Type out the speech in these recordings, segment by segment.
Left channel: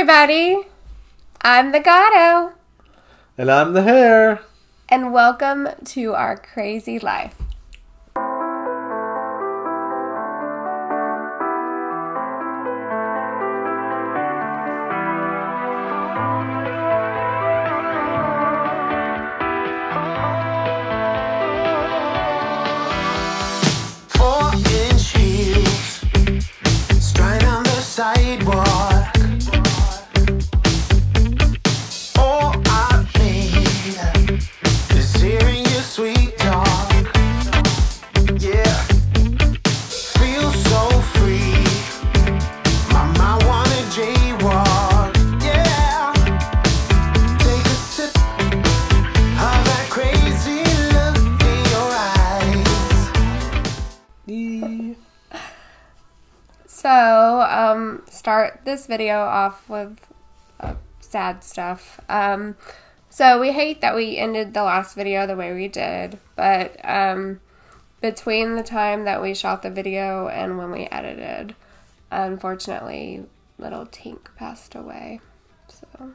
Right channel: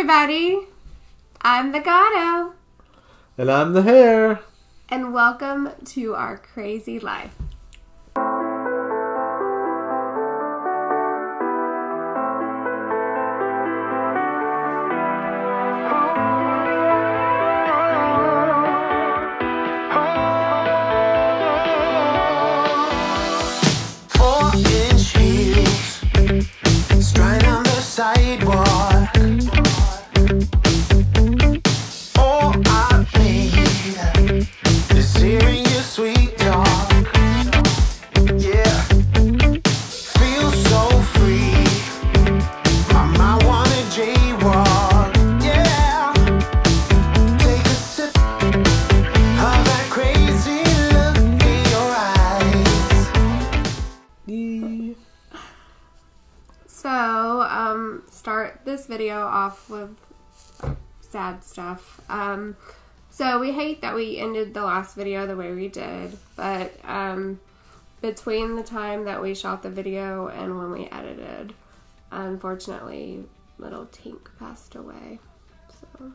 everybody. I'm the Gato. And I'm the Hare. And welcome to our crazy life. Start this video off with sad stuff. So we hate that we ended the last video the way we did, but between the time that we shot the video and when we edited, unfortunately, little Tink passed away. So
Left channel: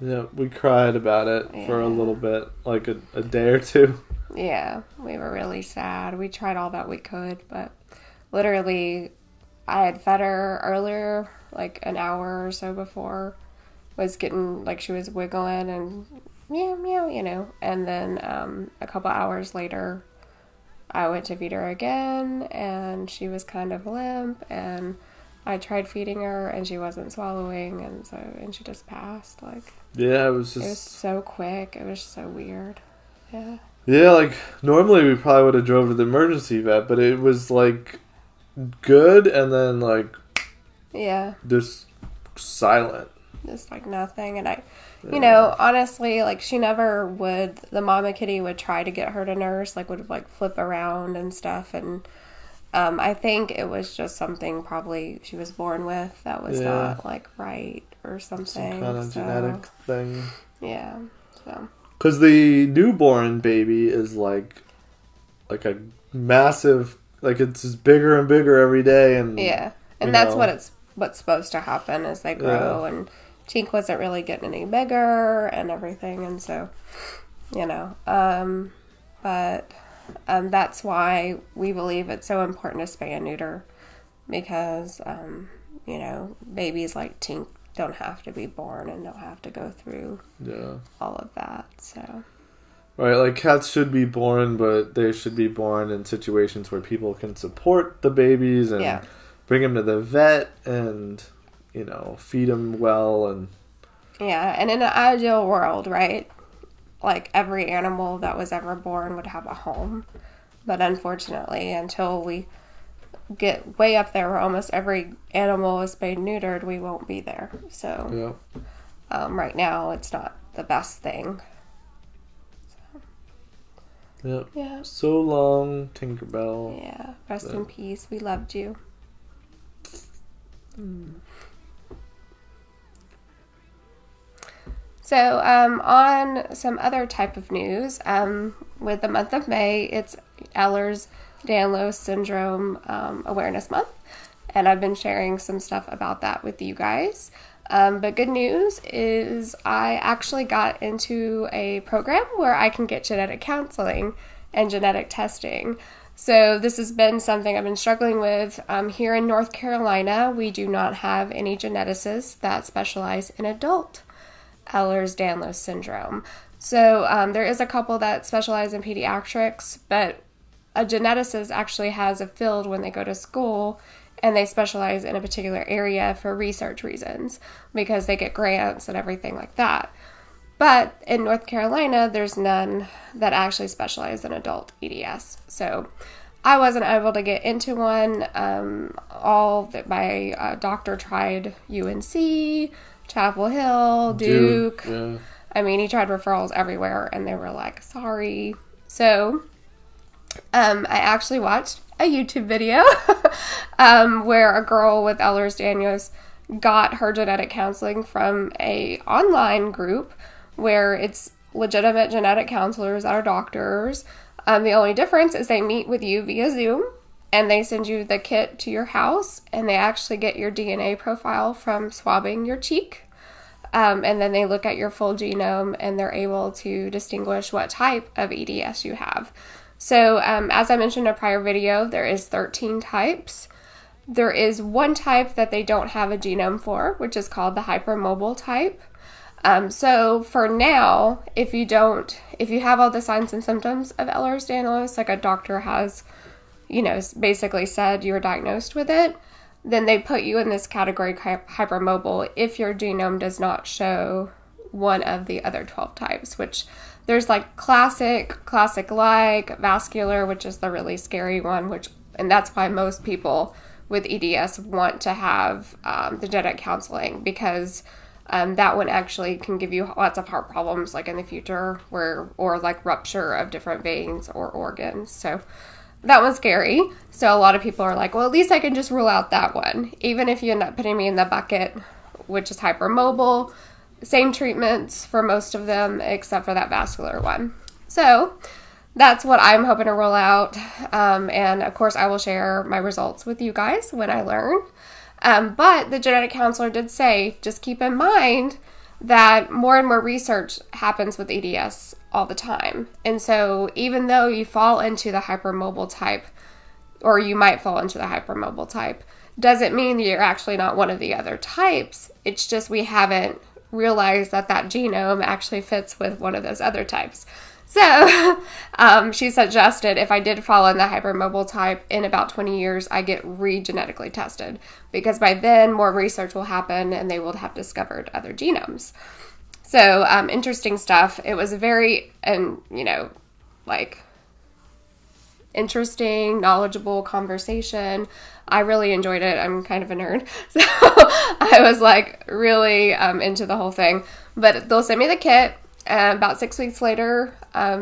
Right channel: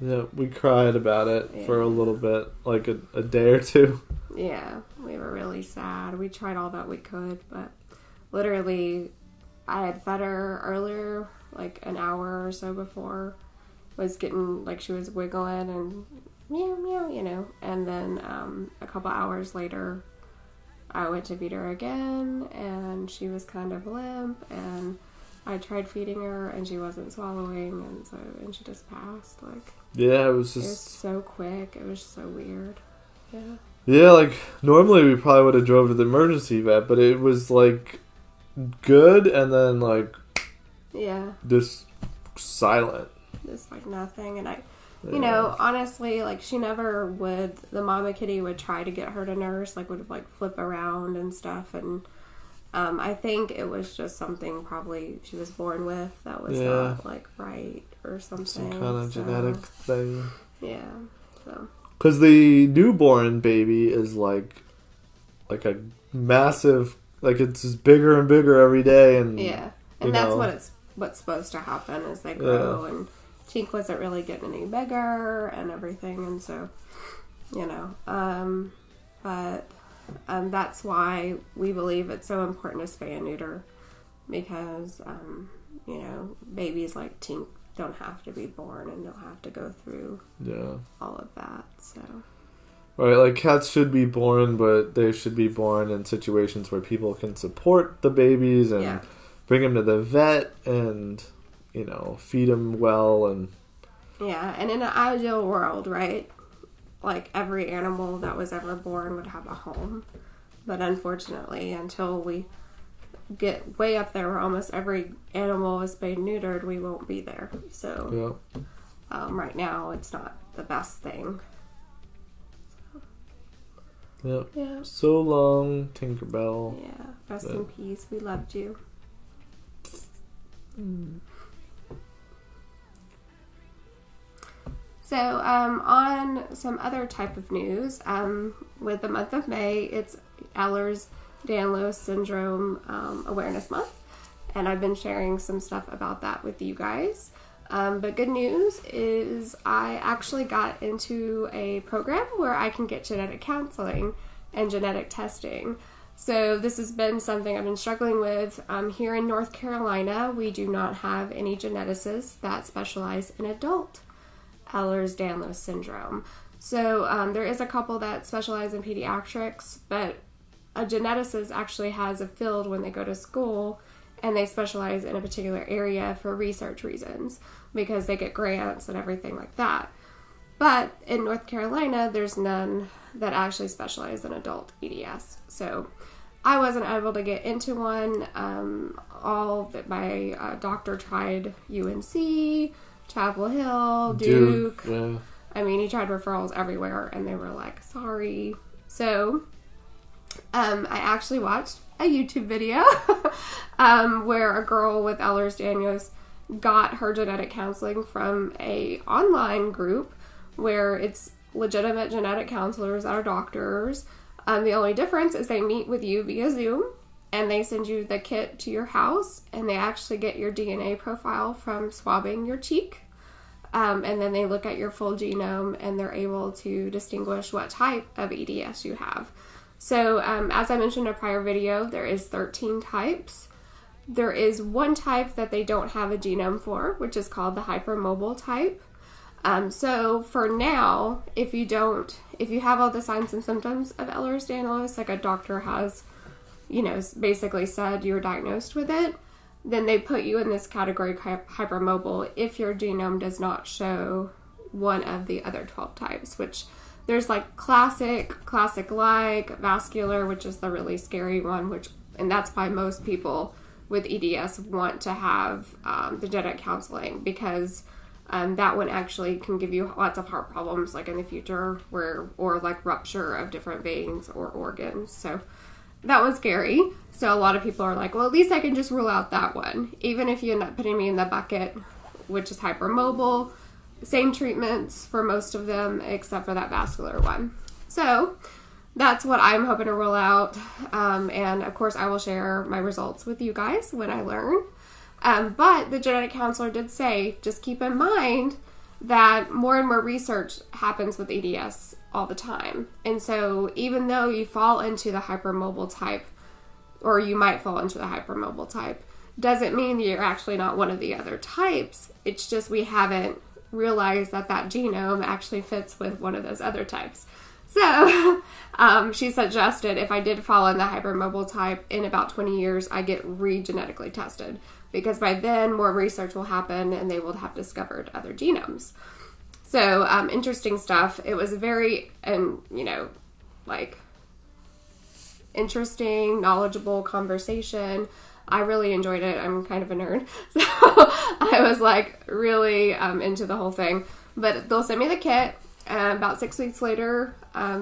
yeah, we cried about it for a little bit, like a day or two. Yeah, we were really sad. We tried all that we could, but literally I had fed her earlier, like an hour or so before. Was getting, like, she was wiggling and meow, meow, you know. And then a couple hours later, I went to feed her again, and she was kind of limp. And I tried feeding her, and she wasn't swallowing, and she just passed. Like, yeah, it was so quick. It was so weird. Yeah. Yeah, like normally we probably would have drove to the emergency vet, but it was like good, and then like just silent, just like nothing. And you know, honestly, like she never would, the mama kitty would try to get her to nurse, like would like flip around and stuff, and I think it was just something probably she was born with that was not like right or something, some kind of genetic thing. Yeah, so because the newborn baby is like a massive. Like, it's just bigger and bigger every day, and and that's what's supposed to happen as they grow. And Tink wasn't really getting any bigger and everything, and so you know, but that's why we believe it's so important to spay and neuter, because you know, babies like Tink don't have to be born and don't have to go through all of that. So. Right, like cats should be born, but they should be born in situations where people can support the babies and bring them to the vet and, you know, feed them well. And and in an ideal world, right, like every animal that was ever born would have a home. But unfortunately, until we get way up there where almost every animal is spayed and neutered, we won't be there. So right now, it's not the best thing. Yep. Yeah. So long, Tinkerbell. Yeah. Rest in peace. We loved you. So, on some other type of news, with the month of May, it's Ehlers-Danlos Syndrome Awareness Month, and I've been sharing some stuff about that with you guys. But good news is I actually got into a program where I can get genetic counseling and genetic testing. So this has been something I've been struggling with. Here in North Carolina, we do not have any geneticists that specialize in adult Ehlers-Danlos syndrome. So there is a couple that specialize in pediatrics, but a geneticist actually has a field when they go to school, and they specialize in a particular area for research reasons because they get grants and everything like that. But in North Carolina, there's none that actually specialize in adult EDS. So I wasn't able to get into one. My doctor tried UNC, Chapel Hill, Duke. Yeah. I mean, he tried referrals everywhere, and they were like, sorry. So I actually watched a YouTube video where a girl with Ehlers-Danlos got her genetic counseling from a online group where it's legitimate genetic counselors that are doctors. The only difference is they meet with you via Zoom, and they send you the kit to your house, and they actually get your DNA profile from swabbing your cheek. And then they look at your full genome, and they're able to distinguish what type of EDS you have. So as I mentioned in a prior video, there is 13 types. There is one type that they don't have a genome for, which is called the hypermobile type. So for now, if you have all the signs and symptoms of Ehlers-Danlos, like a doctor has, basically said you're diagnosed with it, then they put you in this category hypermobile if your genome does not show one of the other 12 types, which there's like classic-like, vascular, which is the really scary one, and that's why most people with EDS want to have the genetic counseling, because that one actually can give you lots of heart problems like in the future, or like rupture of different veins or organs. So that one's scary. So a lot of people are like, well, at least I can just rule out that one. Even if you end up putting me in the bucket, which is hypermobile, same treatments for most of them except for that vascular one. So that's what I'm hoping to roll out. And of course I will share my results with you guys when I learn. But the genetic counselor did say, just keep in mind that more and more research happens with EDS all the time. And so even though you fall into the hypermobile type, or you might fall into the hypermobile type, doesn't mean you're actually not one of the other types. It's just we haven't realized that genome actually fits with one of those other types. So she suggested if I did fall in the hypermobile type, in about 20 years, I get re-genetically tested, because by then more research will happen and they will have discovered other genomes. So interesting stuff. It was a very, interesting, knowledgeable conversation. I really enjoyed it. I'm kind of a nerd, so I was really into the whole thing. But they'll send me the kit. About 6 weeks later,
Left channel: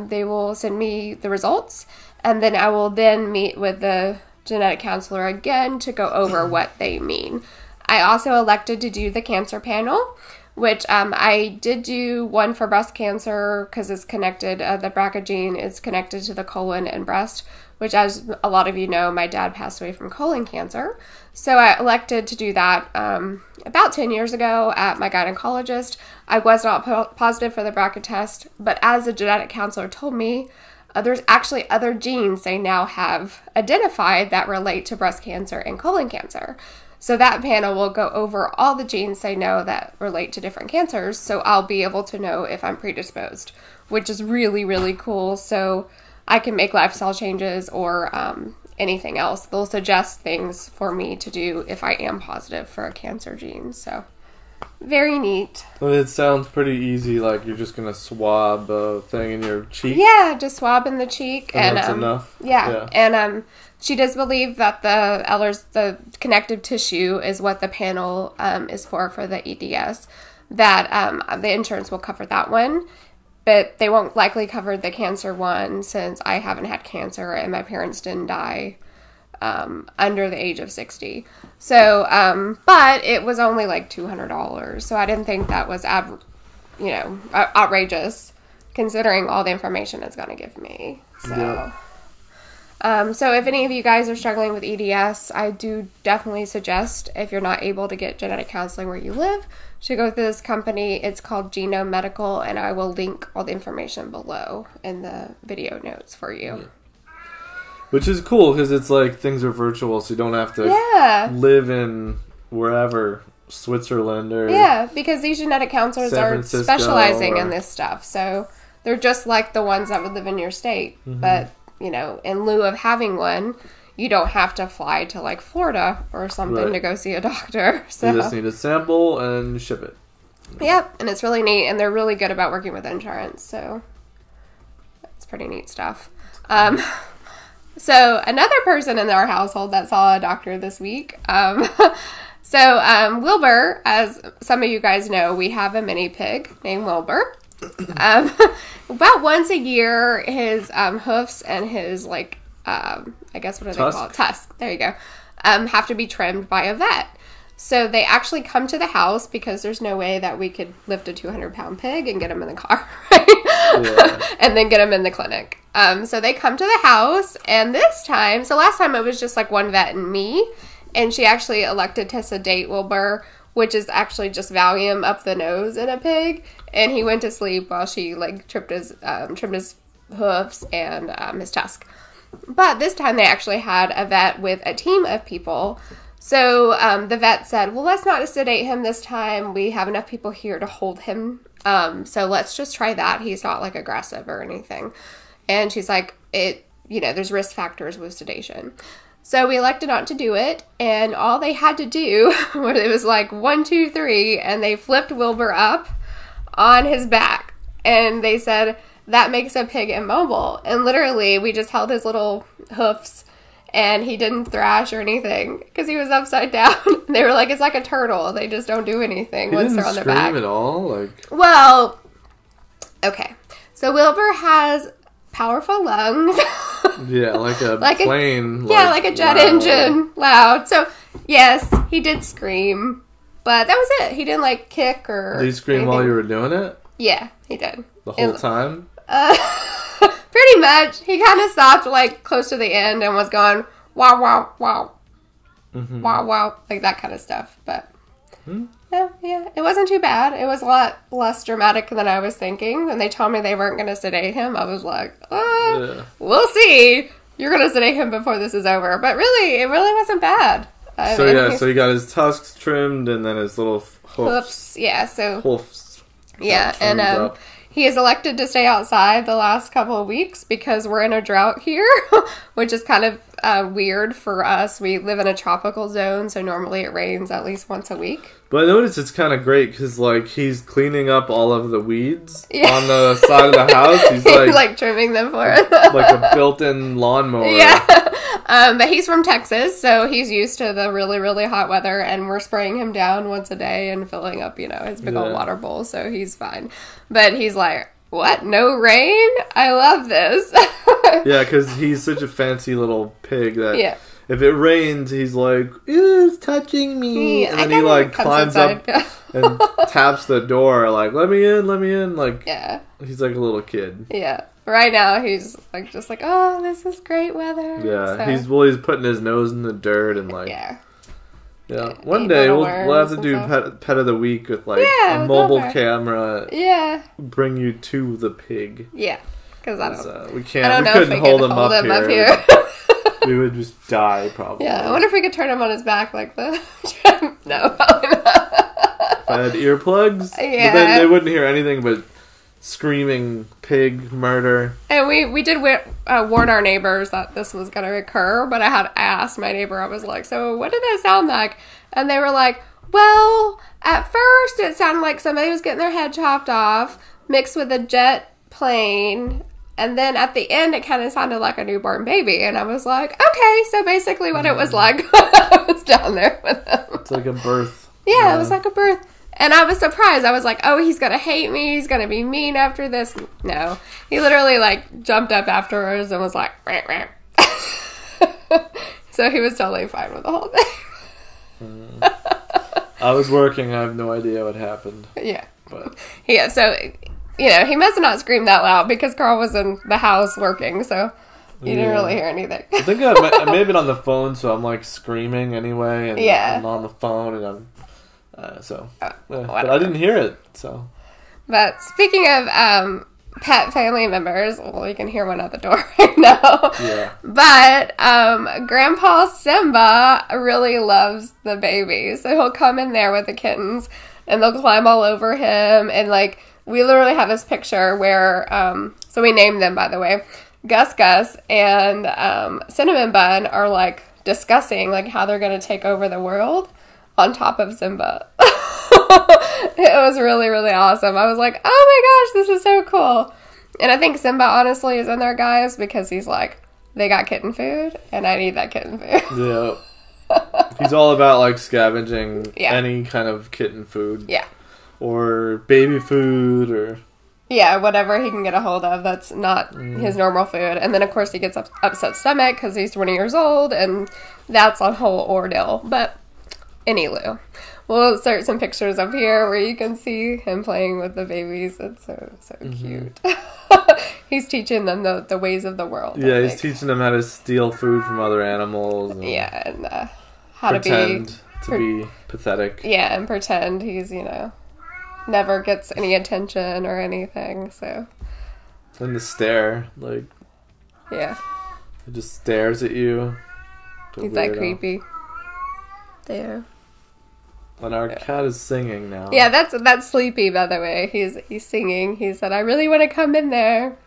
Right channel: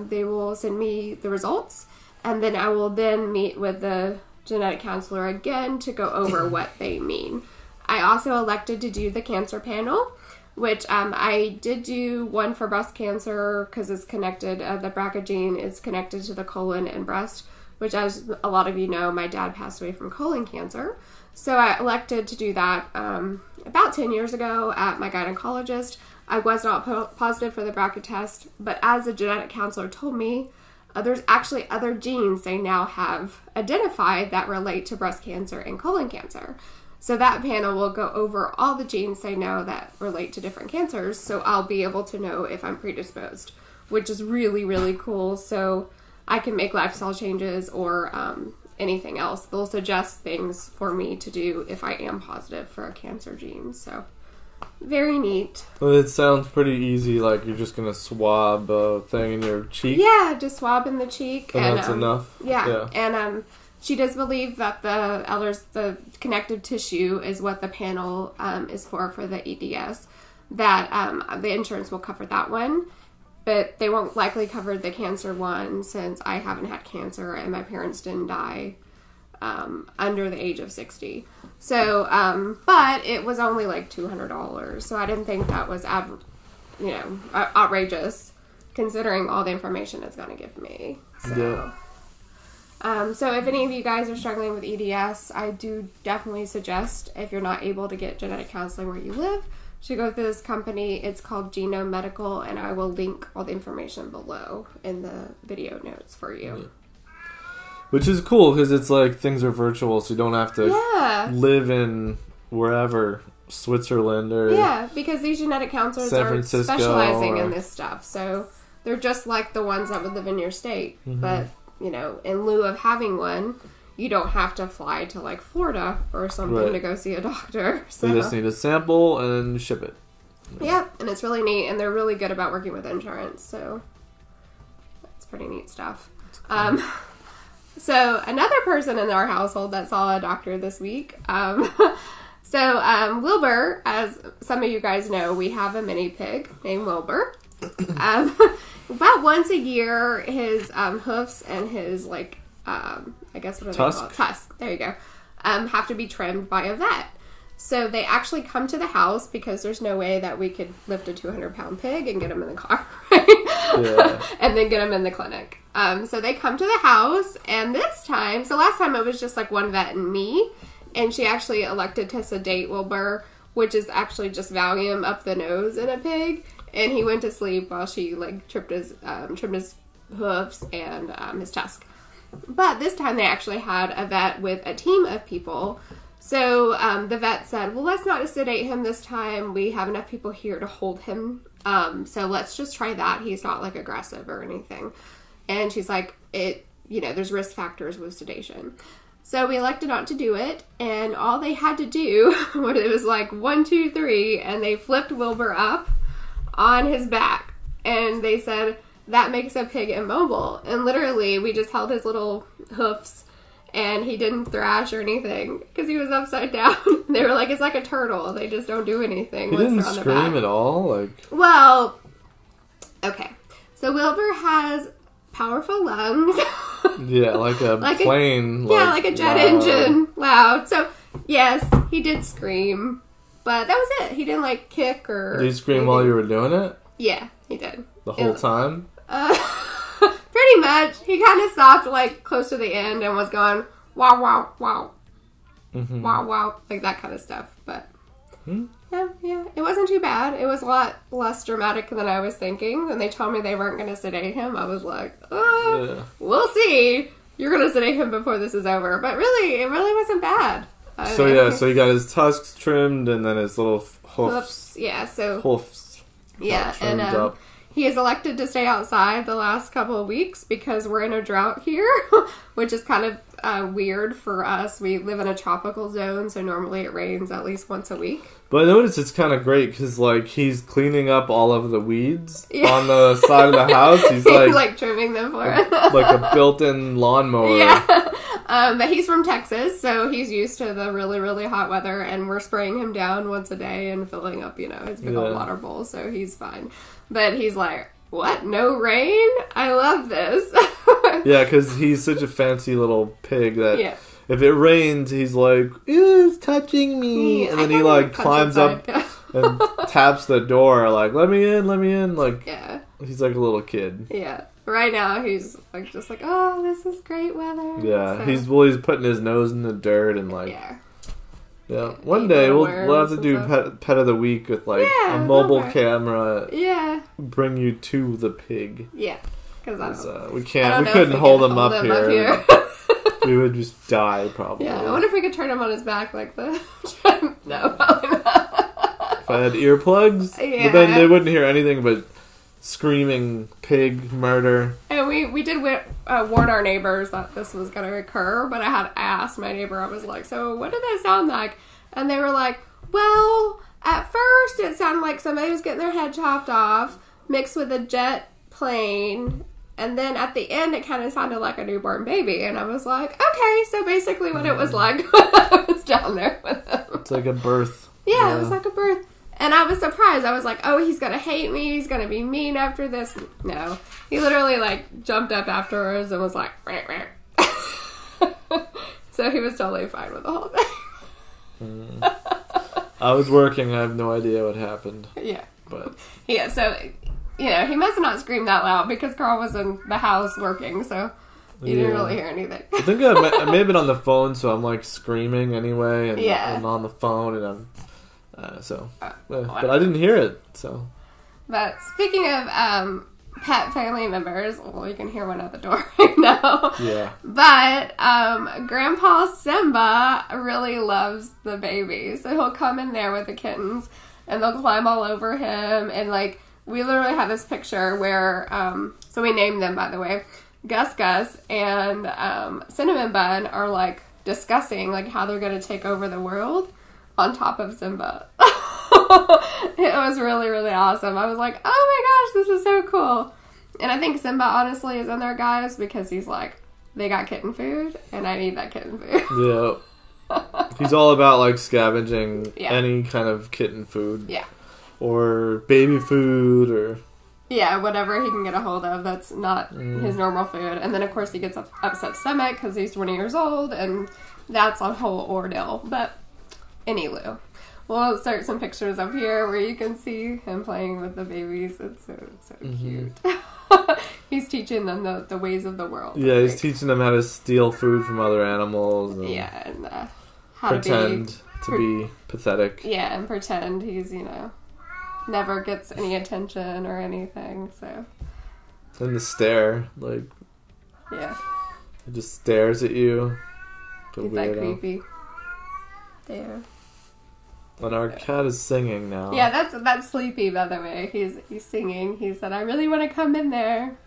they will send me the results, and then I will then meet with the genetic counselor again to go over what they mean. I also elected to do the cancer panel, which I did do one for breast cancer because it's connected. The BRCA gene is connected to the colon and breast, which, as a lot of you know, my dad passed away from colon cancer. So I elected to do that about 10 years ago at my gynecologist. I was not positive for the BRCA test, but as the genetic counselor told me, there's actually other genes they now have identified that relate to breast cancer and colon cancer. So that panel will go over all the genes they know that relate to different cancers, so I'll be able to know if I'm predisposed, which is really, really cool. So I can make lifestyle changes or anything else. They'll suggest things for me to do if I am positive for a cancer gene. So very neat. But it sounds pretty easy, like you're just going to swab a thing in your cheek? Yeah, just swab in the cheek. And that's enough? Yeah. And she does believe that the connective tissue is what the panel is for the EDS, that the insurance will cover that one. But they won't likely cover the cancer one, since I haven't had cancer and my parents didn't die under the age of 60. So, but it was only like $200. So I didn't think that was outrageous, considering all the information it's going to give me. So, so if any of you guys are struggling with EDS, I do definitely suggest, if you're not able to get genetic counseling where you live, to go through this company. It's called Genome Medical, and I will link all the information below in the video notes for you. Yeah. Which is cool, because it's like things are virtual, so you don't have to live in wherever, Switzerland or... Yeah, because these genetic counselors are specializing in this stuff. So they're just like the ones that would live in your state. Mm-hmm. But, in lieu of having one, you don't have to fly to like Florida or something to go see a doctor. So you just need a sample and ship it. Yep, and it's really neat, and they're really good about working with insurance, so that's pretty neat stuff. Cool. So another person in our household that saw a doctor this week. Wilbur, as some of you guys know, we have a mini pig named Wilbur. About once a year, his hoofs and his I guess what are they called? Tusk. There you go. Have to be trimmed by a vet. So they actually come to the house, because there's no way that we could lift a 200-pound pig and get him in the car, right? Yeah. And then get him in the clinic. So they come to the house, and this time, so last time it was just like one vet and me, and she actually elected to sedate Wilbur, which is actually just Valium up the nose in a pig, and he went to sleep while she like trimmed his hoofs and his tusk. But this time they actually had a vet with a team of people. So the vet said, well, let's not sedate him this time. We have enough people here to hold him. So let's just try that. He's not like aggressive or anything. And she's like, there's risk factors with sedation. So we elected not to do it. And all they had to do was it was like 1, 2, 3. And they flipped Wilbur up on his back. And they said, that makes a pig immobile. And literally, we just held his little hoofs, and he didn't thrash or anything because he was upside down. They were like, it's like a turtle. They just don't do anything once they're on their back. He didn't scream at all? Well, okay. So Wilbur has powerful lungs. Yeah, like a plane. Like a jet engine. Loud. So, yes, he did scream. But that was it. He didn't, kick or... Did he scream anything while you were doing it? Yeah, he did. The whole time? Pretty much. He kind of stopped, close to the end and was going, wow, wow, wow. Mm-hmm. Wow, wow. Like that kind of stuff. But, yeah. It wasn't too bad. It was a lot less dramatic than I was thinking. When they told me they weren't going to sedate him, I was like, we'll see. You're going to sedate him before this is over. But really, it really wasn't bad. So he got his tusks trimmed and then his little hoofs. Yeah, so... Hoofs. Yeah, and up. He is elected to stay outside the last couple of weeks because we're in a drought here, which is kind of weird for us. We live in a tropical zone, so normally it rains at least once a week. But I noticed it's kind of great because, he's cleaning up all of the weeds on the side of the house. He's trimming them for it. Like a built-in lawnmower. Yeah. But he's from Texas, so he's used to the really, really hot weather, and we're spraying him down once a day and filling up, his big old water bowl, so he's fine. But he's like, what? No rain? I love this. Yeah, because he's such a fancy little pig that if it rains, he's like, ooh, it's touching me. And then he, climbs up and taps the door, let me in, let me in. He's like a little kid. Yeah. Right now, he's just oh, this is great weather. Yeah, so. He's putting his nose in the dirt and yeah. One day we'll have to do pet of the week with a mobile camera. Yeah. Bring you to the pig. Yeah, because we couldn't hold him up here. We would just die probably. Yeah, I wonder if we could turn him on his back like the. No, probably not. If I had earplugs, but then they wouldn't hear anything but screaming pig murder. And we did warn our neighbors that this was going to occur, but I asked my neighbor, I was like, so what did that sound like? And they were like, well, at first it sounded like somebody was getting their head chopped off mixed with a jet plane, and then at the end it kind of sounded like a newborn baby. And I was like, okay, so basically what it was like when I was down there with them. It's like a birth. Yeah, it was like a birth. And I was surprised. I was like, oh, he's going to hate me. He's going to be mean after this. No. He literally, jumped up afterwards and was like, rah, rah. So he was totally fine with the whole thing. I was working. I have no idea what happened. Yeah. But yeah, so, he must have not screamed that loud because Carl was in the house working, so you didn't really hear anything. I think I may have been on the phone, so I'm, screaming anyway. And I'm on the phone, and I'm... but I didn't hear it, so. But speaking of pet family members, well, you can hear one at the door right now. Yeah. But Grandpa Simba really loves the baby, so he'll come in there with the kittens, and they'll climb all over him, and we literally have this picture where so we named them, by the way. Gus Gus and Cinnamon Bun are discussing how they're going to take over the world on top of Simba. It was really, really awesome. I was like, oh my gosh, this is so cool. And I think Simba honestly is in there, guys, because he's they got kitten food, and I need that kitten food. Yeah. He's all about scavenging any kind of kitten food. Yeah. Or baby food or... Yeah, whatever he can get a hold of that's not his normal food. And then, of course, he gets upset stomach because he's 20 years old, and that's a whole ordeal. But... Anywho, We'll insert some pictures up here where you can see him playing with the babies. It's so cute. He's teaching them the ways of the world. Yeah, he's teaching them how to steal food from other animals. And and how pretend to be pathetic. Yeah, and pretend he's, never gets any attention or anything, so. And the stare, like. Yeah. He just stares at you. He's that creepy. There. And our cat is singing now. Yeah, that's Sleepy, by the way. He's singing. He said, I really want to come in there.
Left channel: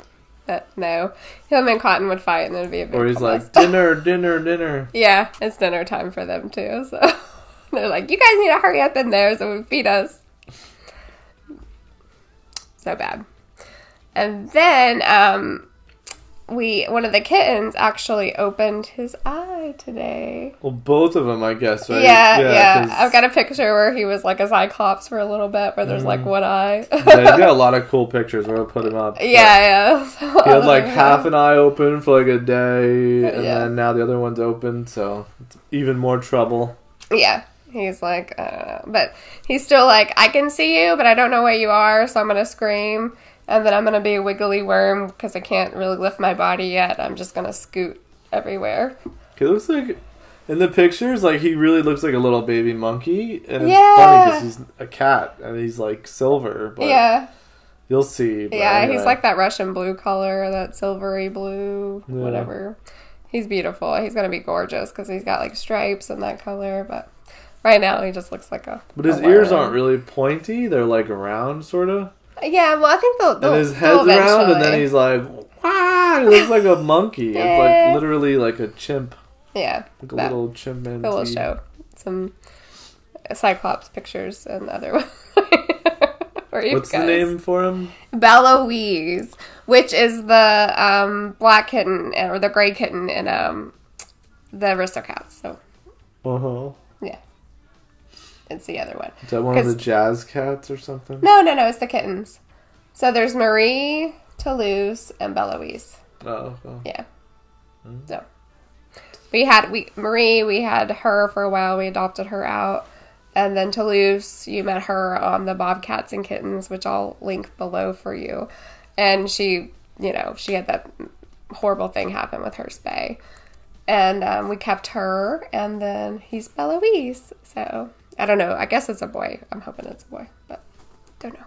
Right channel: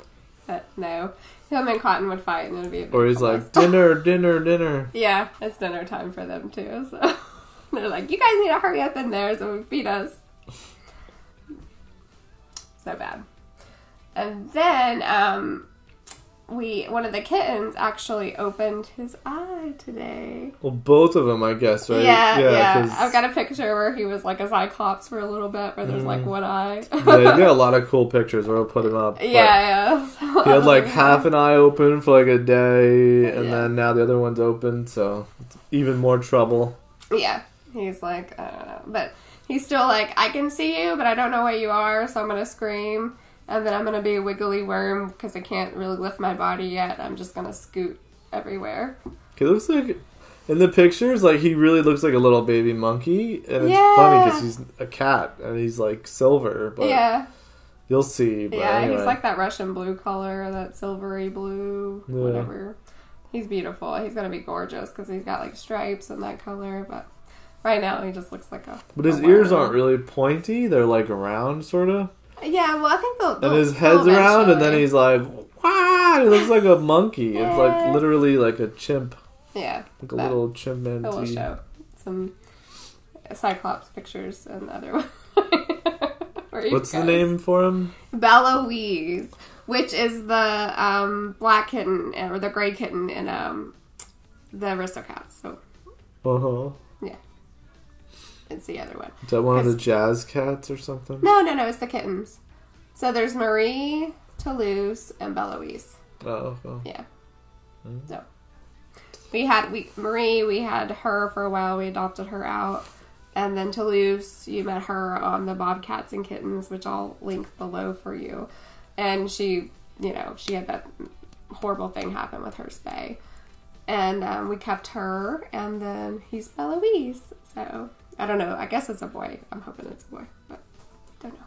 But no. Him and Cotton would fight and it'd be a big Or he's like, dinner, dinner, dinner. Yeah, it's dinner time for them too. So they're like, you guys need to hurry up in there so we feed us. So bad. And then one of the kittens actually opened his eye today. Well, both of them, I guess, right? Yeah. I've got a picture where he was like a cyclops for a little bit, where there's like one eye. Yeah, he's got a lot of cool pictures. We'll put him up. Yeah. He had like half an eye open for like a day, and then now the other one's open, so it's even more trouble. Yeah. He's like, I don't know. But he's still like, I can see you, but I don't know where you are, so I'm going to scream. And then I'm going to be a wiggly worm because I can't really lift my body yet. I'm just going to scoot everywhere. He looks like, in the pictures, like he really looks like a little baby monkey. And it's funny because he's a cat and he's like silver. But you'll see. But anyway. He's like that Russian blue color, that silvery blue, whatever. He's beautiful. He's going to be gorgeous because he's got like stripes and that color. But right now he just looks like a... But his ears aren't really pointy. They're like round, sort of. Yeah, well, I think they'll and his head's round, and then he's like, wow, he looks like a monkey. It's like literally like a chimp. Yeah. Like a little chimpanzee. We'll show some cyclops pictures and other ones. What's the name for him? Beloise, which is the black kitten, or the gray kitten in the Aristocats. So. Uh-huh. Yeah. It's the other one. Is that one of the jazz cats or something? No, it's the kittens. So there's Marie, Toulouse, and Beloise. Oh. Yeah. So we had her for a while. We adopted her out. And then Toulouse, you met her on the Bobcats and Kittens, which I'll link below for you. And she had that horrible thing happen with her spay. And we kept her, and then he's Beloise. So... I don't know. I guess it's a boy. I'm hoping it's a boy, but don't know.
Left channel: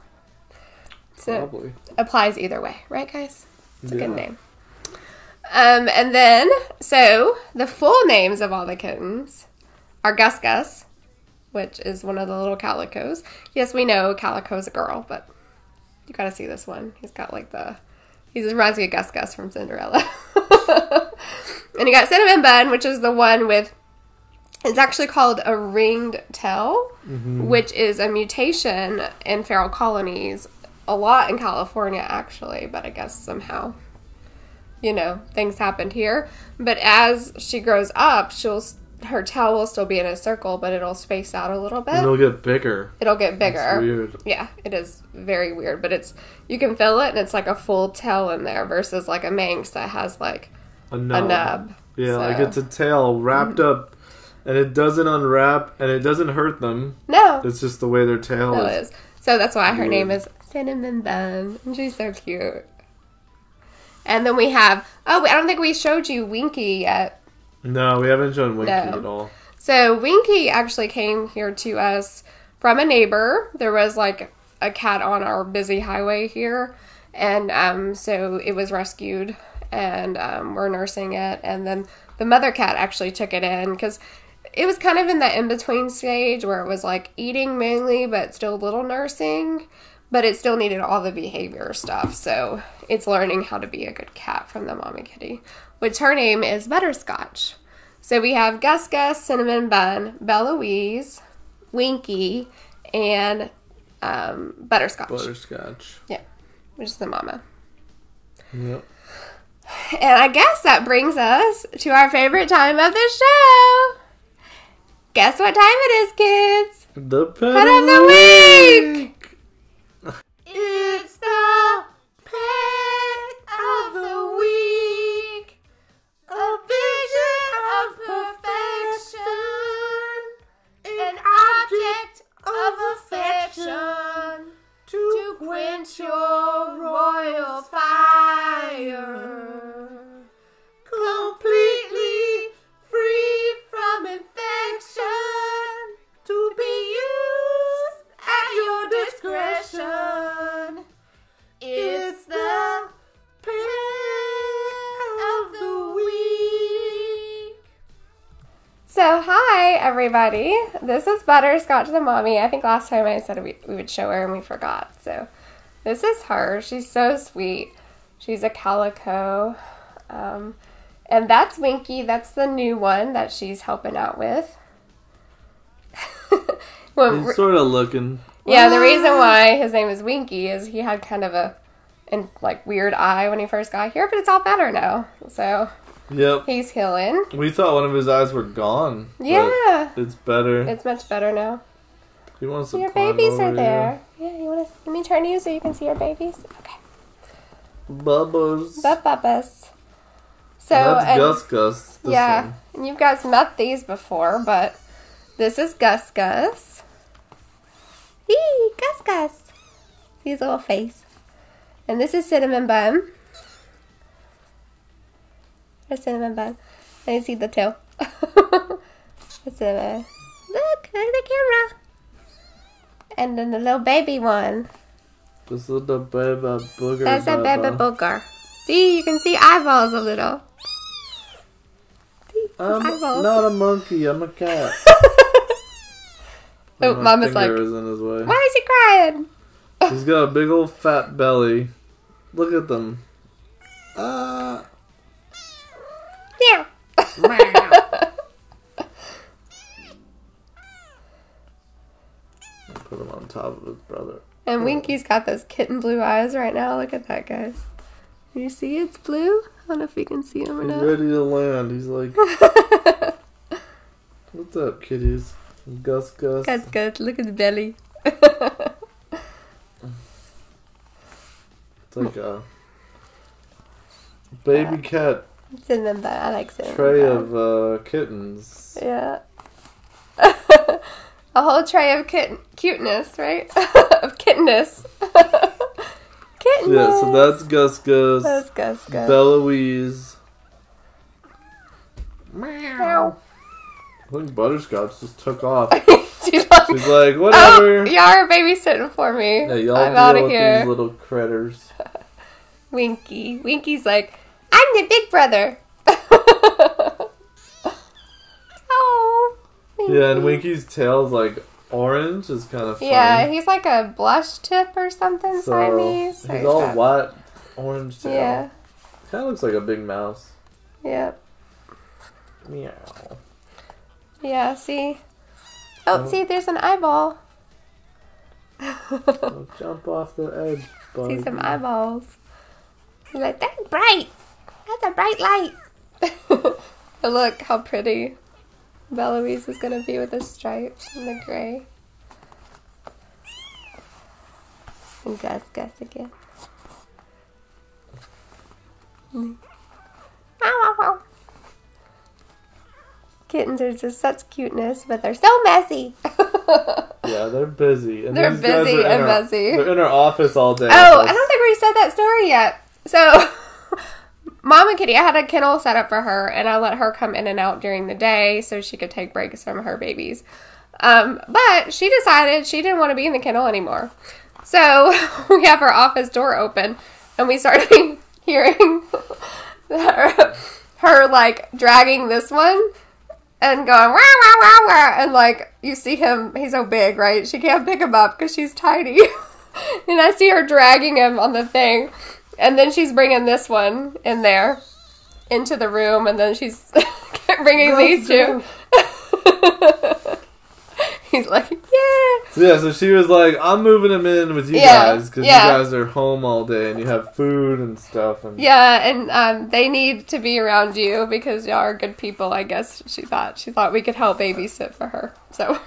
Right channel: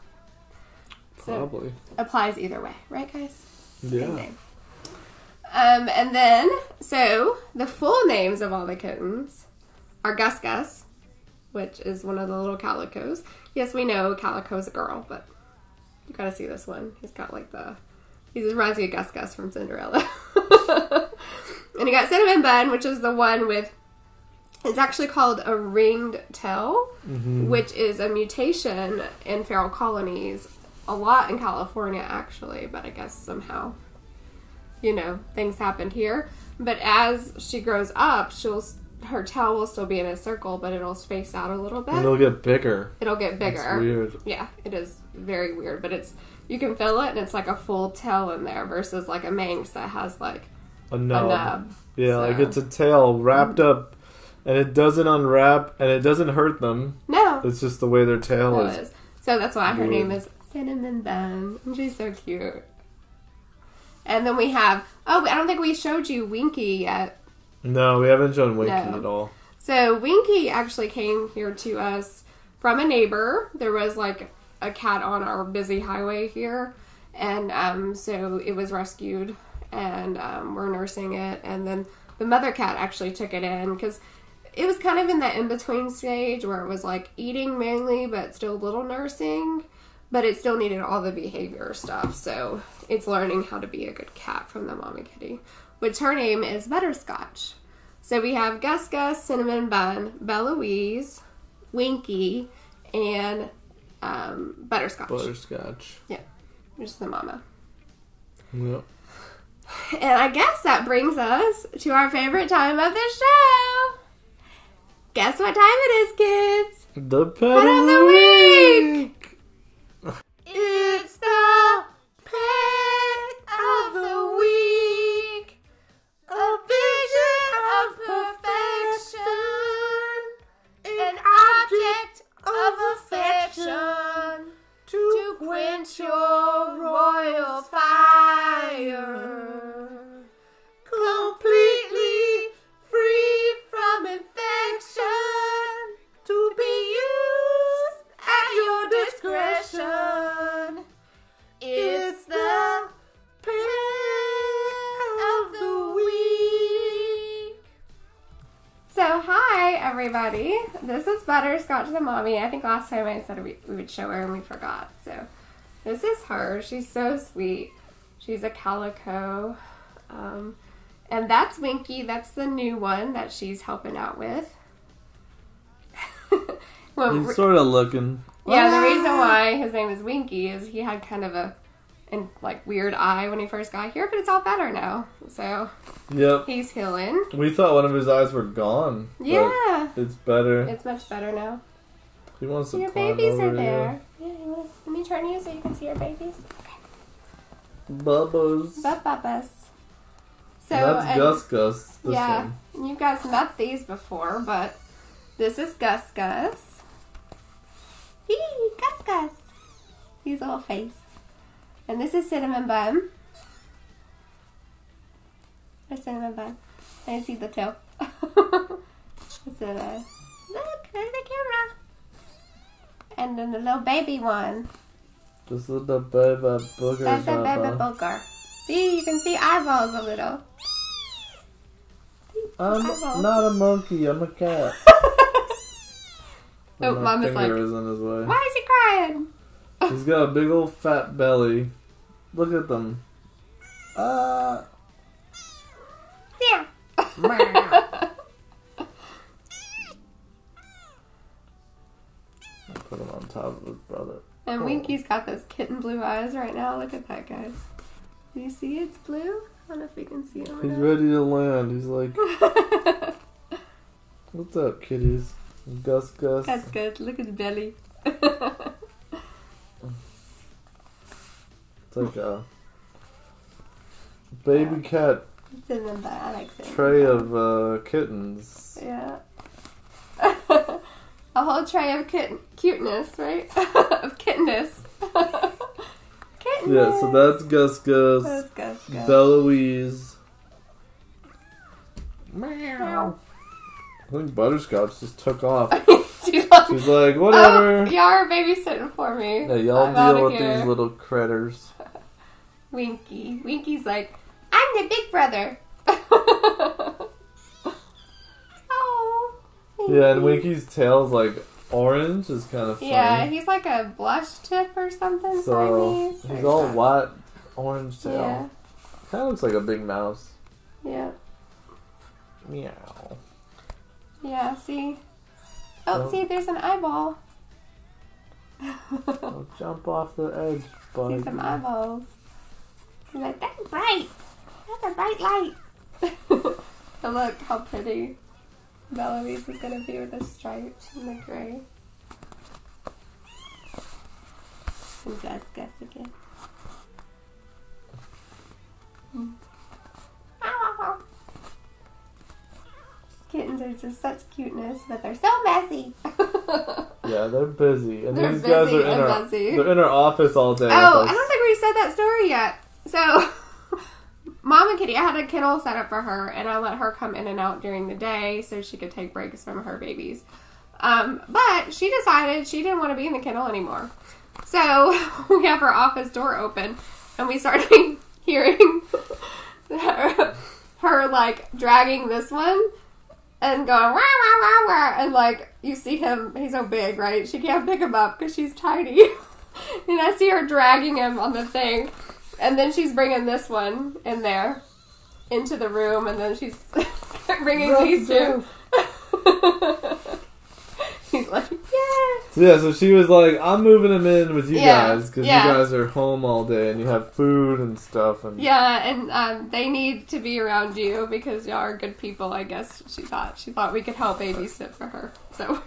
So probably. Applies either way, right, guys? It's a good name. And then, so the full names of all the kittens are Gus Gus, which is one of the little calicos. Yes, we know Calico's a girl, but you gotta see this one. He's got like he reminds me of Gus Gus from Cinderella. And you got Cinnamon Bun, which is the one with... It's actually called a ringed tail, which is a mutation in feral colonies. A lot in California, actually, but I guess somehow, things happened here. But as she grows up, her tail will still be in a circle, but it'll space out a little bit. And it'll get bigger. It's weird. Yeah, it is very weird, but you can feel it, and it's like a full tail in there versus like a Manx that has like a nub. Yeah, like it's a tail wrapped up. And it doesn't unwrap, and it doesn't hurt them. No. It's just the way their tail is. So that's why her name is Cinnamon Bun. And she's so cute. And then we have... Oh, I don't think we showed you Winky yet. No, we haven't shown Winky at all. So Winky actually came here to us from a neighbor. There was like a cat on our busy highway here. And so it was rescued. And we're nursing it. And then the mother cat actually took it in because... It was kind of in that in-between stage where it was like eating mainly, but still a little nursing. But it still needed all the behavior stuff. So it's learning how to be a good cat from the mommy kitty. Which her name is Butterscotch. So we have Gus Gus, Cinnamon Bun, Beloise, Winky, and Butterscotch. Butterscotch. Yeah. Which is the mama. Yep. And I guess that brings us to our favorite time of the show. Guess what time it is, kids? The pet of the week! It's the pet of the week. A vision of perfection. An object everybody. This is Butterscotch the mommy. I think last time I said we would show her and we forgot. So this is her. She's so sweet. She's a calico. And that's Winky. That's the new one that she's helping out with. He's sort of looking. Yeah, the reason why his name is Winky is he had kind of a weird eye when he first got here, but it's all better now. So yep, he's healing. We thought one of his eyes were gone. Yeah, it's better. It's much better now. He wants to your climb babies over are there. here. Yeah, you want to? Let me turn you so you can see your babies. Okay. Bubbles. Bubbles. So and that's Gus. Yeah, one. and you guys met these before, but this is Gus. Hey, Gus. His little face. And this is Cinnamon Bun. There's Cinnamon Bun. And you see the tail. Cinnamon. Look at the camera. And then the little baby one. This is the baby booger. That's a baby booger. See, you can see eyeballs a little. I'm not a monkey, I'm a cat. Oh, Mama's like, is in his way. why is he crying? He's got a big old fat belly. Look at them. Yeah. Put him on top of his brother. And Winky's got those kitten blue eyes right now. Look at that, guys. You see it's blue? I don't know if you can see him or not. He's ready to land. He's like, what's up, kitties? Gus. Gus. Look at the belly. It's like a baby cat Cinnamon Bun. I like Cinnamon tray Bun. of kittens. Yeah. A whole tray of cuteness, right? Of kittenness. Kittenness. Yeah, so that's Gus. That's Gus. Beloise. Meow. I think Butterscotch just took off. She's like, whatever. Oh, y'all are babysitting for me. Yeah, y'all deal with these little critters. Winky's like, I'm the big brother. Oh. Winky. Yeah, and Winky's tail's like orange. Is kind of funny. Yeah, he's like a blush tip or something. So Siamese. he's all white, orange tail. Yeah. Kind of looks like a big mouse. Yeah. Meow. Yeah, see? Oh, see, there's an eyeball. Well, jump off the edge, buddy. See some eyeballs. He's like, that's bright. That's a bright light. But look how pretty Beloise is going to be with the stripes and the gray. And Gus again. Kittens are just such cuteness, but they're so messy. Yeah, they're busy. And they're these guys busy are and messy. They're in our office all day. Oh, I don't think we said that story yet. So, Mama Kitty, I had a kennel set up for her, and I let her come in and out during the day so she could take breaks from her babies. But she decided she didn't want to be in the kennel anymore. So, we have her office door open, and we started hearing her like, dragging this one and going, wah, wah, wah, wah, and, like, you see him, he's so big, right? She can't pick him up because she's tiny. And I see her dragging him on the thing. And then she's bringing this one in there into the room. And then she's bringing these two. He's like, yeah. So she was like, I'm moving him in with you guys. Because you guys are home all day and you have food and stuff. And yeah, and they need to be around you because y'all are good people, I guess she thought. She thought we could help babysit for her. So...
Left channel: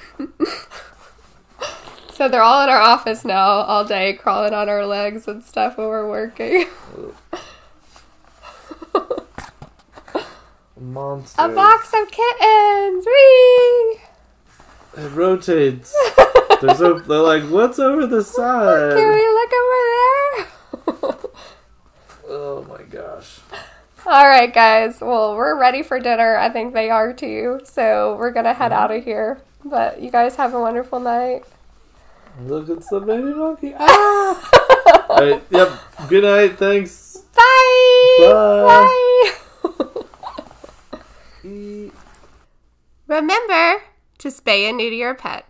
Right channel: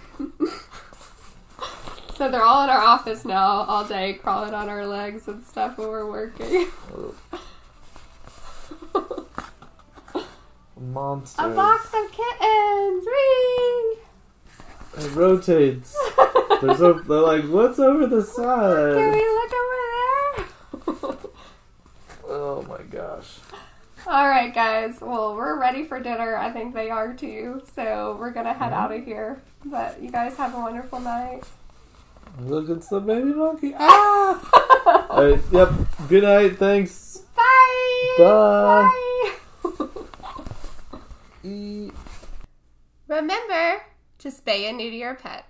So they're all in our office now all day, crawling on our legs and stuff when we're working. Monster. A box of kittens! Whee! It rotates. They're like, what's over the side? Can we look over there? Oh my gosh. Alright guys, well we're ready for dinner. I think they are too. So we're gonna head out of here. But you guys have a wonderful night. Look, it's the baby monkey. Ah! Alright, yep. Good night, thanks. Bye! Bye! Remember, to spay and neuter your pet.